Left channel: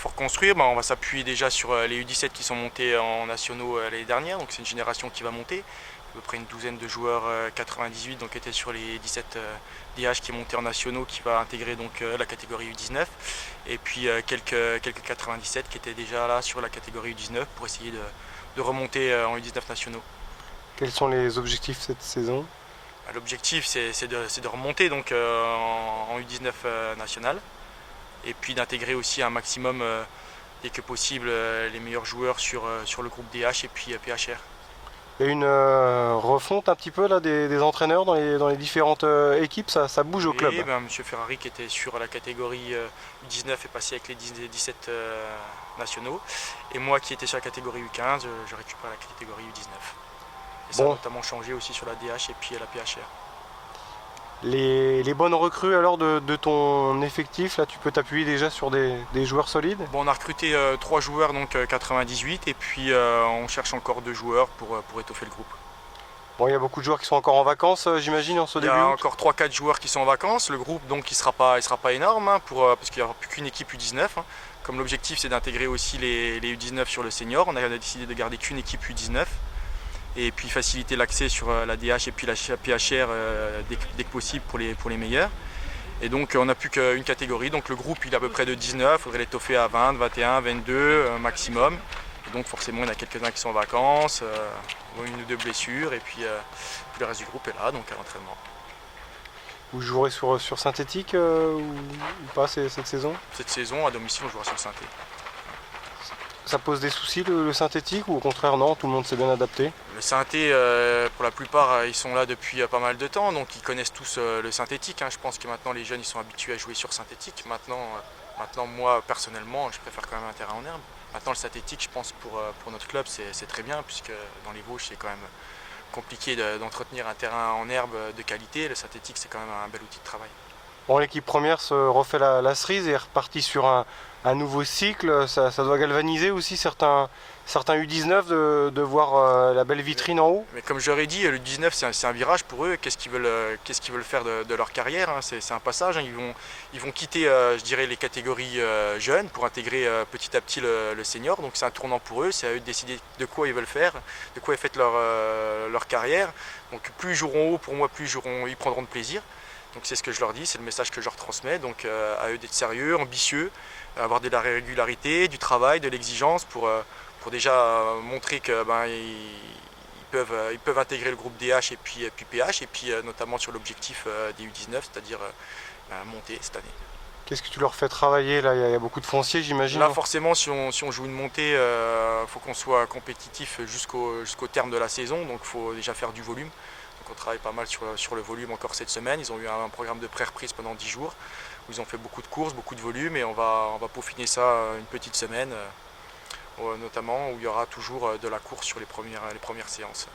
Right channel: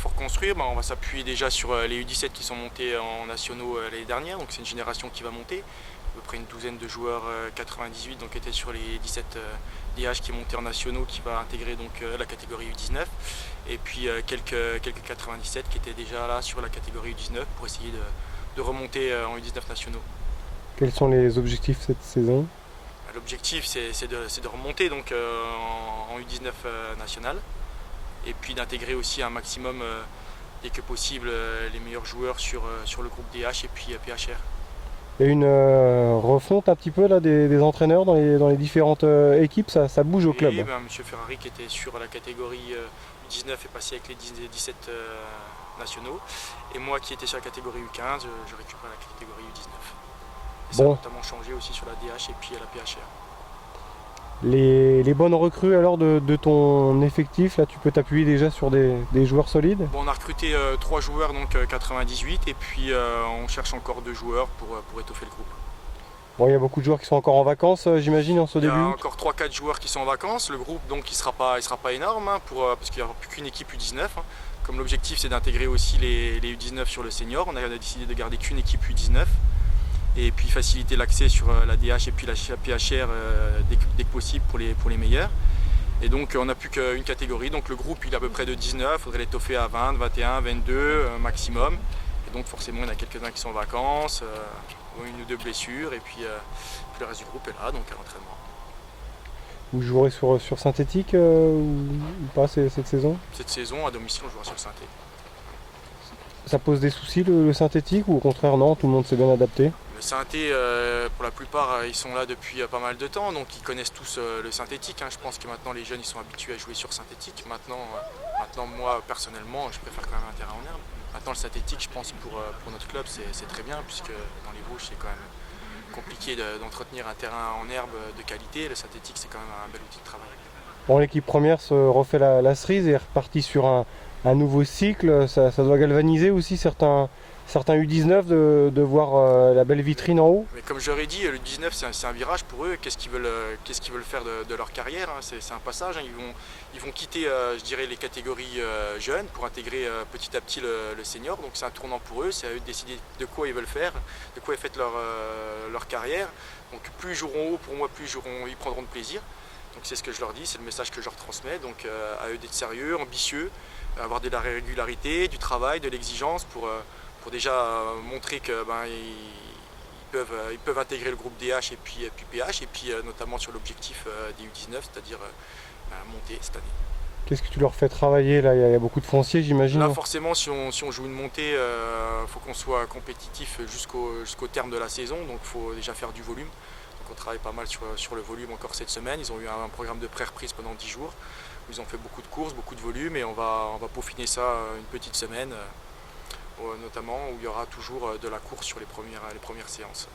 Pour reconstruire, on va s'appuyer déjà sur les U17 qui sont montés en nationaux l'année dernière, donc c'est une génération qui va monter. À peu près une douzaine de joueurs 98 donc étaient sur les 17 DH qui est monté en nationaux, qui va intégrer donc la catégorie U19, et puis quelques 97 qui étaient déjà là sur la catégorie U19 pour essayer de remonter en U19 nationaux. Quels sont les objectifs cette saison? L'objectif c'est de remonter donc en U19 national, et puis d'intégrer aussi un maximum dès que possible les meilleurs joueurs sur le groupe DH et puis PHR. Il y a une refonte un petit peu là, des entraîneurs dans les différentes équipes, ça bouge au Oui, club. M. Ferrari qui était sur la catégorie U19 est passé avec les 17 nationaux, et moi qui étais sur la catégorie U15, je récupère la catégorie U19. Et ça a Bon, notamment changé aussi sur la DH et puis la PHR. les bonnes recrues alors de ton effectif, là tu peux t'appuyer déjà sur des joueurs solides? Bon, on a recruté 3 joueurs, donc 98, et puis on cherche encore 2 joueurs pour étoffer le groupe. Bon, il y a beaucoup de joueurs qui sont encore en vacances, j'imagine, en ce Il y a début août. encore 3-4 joueurs qui sont en vacances. Le groupe donc il sera pas énorme, hein, parce qu'il n'y aura plus qu'une équipe U19. Hein. Comme l'objectif c'est d'intégrer aussi les U19 sur le senior, on a décidé de garder qu'une équipe U19. Et puis faciliter l'accès sur la DH et puis la PHR dès que possible pour les meilleurs. Et donc on n'a plus qu'une catégorie, donc le groupe il est à peu près de 19, il faudrait l'étoffer à 20, 21, 22 maximum. Et donc forcément il y en a quelques-uns qui sont en vacances, ont une ou deux blessures, et puis le reste du groupe est là, donc à l'entraînement. Vous jouerez sur synthétique ou pas cette saison? Cette saison, à domicile, on jouera sur le synthé. Ça pose des soucis le synthétique ou au contraire non, tout le monde s'est bien adapté? Le synthé, pour la plupart, ils sont là depuis pas mal de temps, donc ils connaissent tous le synthétique. Hein. Je pense que maintenant les jeunes ils sont habitués à jouer sur synthétique. Maintenant moi personnellement, je préfère quand même un terrain en herbe. Maintenant le synthétique, je pense pour notre club, c'est très bien, puisque dans les Vosges c'est quand même compliqué d'entretenir un terrain en herbe de qualité. Le synthétique c'est quand même un bel outil de travail. Bon, l'équipe première se refait la cerise et est repartie sur un nouveau cycle. Ça doit galvaniser aussi certains U19 de voir la belle vitrine en haut. Mais comme je leur ai dit, le 19 c'est un virage pour eux. Qu'est-ce qu'ils veulent faire de leur carrière, hein. C'est un passage, hein. Ils vont quitter je dirais, les catégories jeunes pour intégrer petit à petit le senior. Donc c'est un tournant pour eux, c'est à eux de décider de quoi ils veulent faire, de quoi est faite leur carrière. Donc plus ils joueront haut, pour moi, plus ils prendront de plaisir. Donc c'est ce que je leur dis, c'est le message que je leur transmets. Donc à eux d'être sérieux, ambitieux, avoir de la régularité, du travail, de l'exigence pour déjà montrer que ils peuvent intégrer le groupe DH et puis PH, et puis notamment sur l'objectif des U19, c'est-à-dire monter cette année. Qu'est-ce que tu leur fais travailler là? Il y a beaucoup de foncier, j'imagine. Là forcément si on joue une montée, faut qu'on soit compétitif jusqu'au terme de la saison, donc il faut déjà faire du volume. Donc on travaille pas mal sur le volume encore cette semaine. Ils ont eu un programme de pré-reprise pendant 10 jours où ils ont fait beaucoup de courses, beaucoup de volume, et on va peaufiner ça une petite semaine, notamment où il y aura toujours de la course sur les premières séances.